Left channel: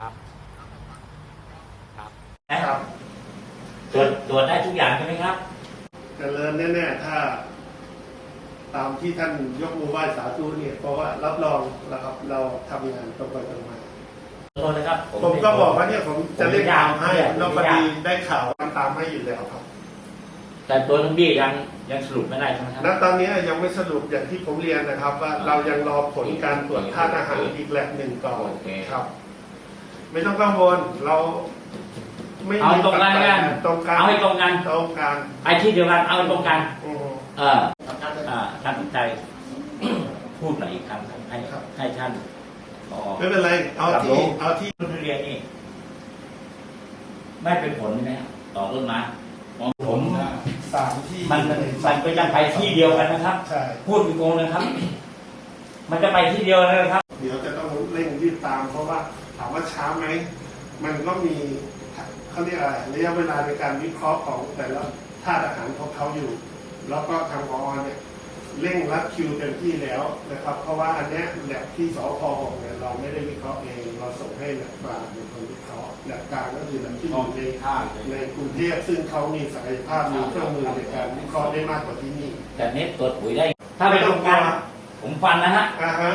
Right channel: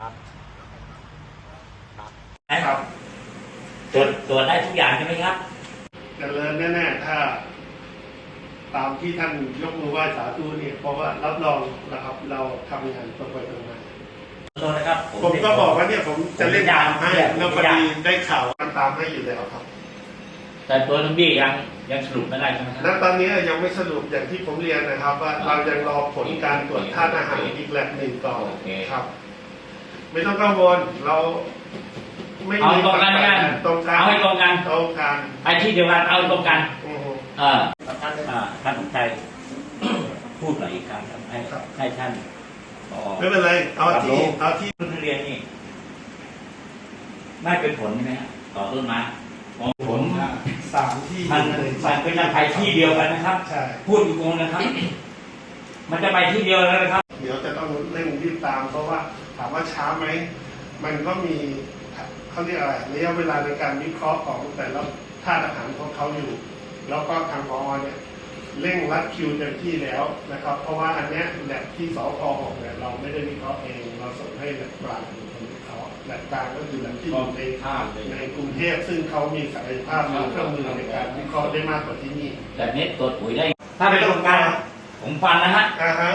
ครับครับนะครับตรวจตรวจได้ทุกอย่างใช่ไหมครับเจริญแน่ๆถ้า ตามที่ท่านยกมือไหว้สาธุเนี่ยเพราะว่ารับรองนะครับ เราทำงานตรงไปตรงมาขอโทษนะครับผมก็บอกว่าเนี่ยผมจะเล่นตามให้ผมไม่เรายากพอดีได้ข่าวมันตามให้อยู่แล้วครับ แต่ตัวน้องบี้ยังยังสรุปไม่ได้ใช่ไหมครับณตอนนี้ยังไม่สรุปอย่างที่ผมเรียนนะครับ ว่าเรายังรอผลการตรวจท่าตุอาหารอีกแลบหนึ่งก่อนโอเค ครับ ไม่ต้องกังวลเราไม่เอามีตรงกันแล้วกันตรงกันเอาให้ตรงกัน ตรงกันไอ้ที่เดียวกันเอาให้ตรงกัน อืม เอออ่าท่านสมชัย พูดหน่อยอีกครั้งครับให้ให้ท่านต่อ ไม่เป็นไร เอาครับผที่ม เอาที่ต้นทุเรียนนี่ไม่เป็นผลใช่ไหมครับต่อต้นไม้ของผม สามที่มันมันก็ยังไปที่เดียวกันนะครับ ใช่ พูดโกงๆนะครับ มันจะไปที่เดียวกันนะครับ เดี๋ยวจะต้องเร่งรีบ ตาม เพราะว่าถามว่าช้าไหมมันก็มีเขาเรียกอะไรระยะเวลาในการวิเคราะห์ของแต่ละธาตุอาหารของเขาอยู่ แล้วก็ทางพอเนี่ยเร่งรัดคิวเต็มที่แล้วนะครับ เพราะว่าอันเนี้ยแลบที่สพบอกเนี่ยเราไม่ได้วิเคราะห์เองเราส่งให้แลบกลางเป็นคนวิเคราะห์แลบกลางก็คือแลบที่อยู่ในในกรุงเทพซึ่งเขามีศักยภาพมีเครื่องมือในการวิเคราะห์ได้มากกว่าที่นี่แต่เนี้ตรวจปุ๋ยได้ ถ้าเป็นโครงการผมฟันนะฮะอ่าฮะ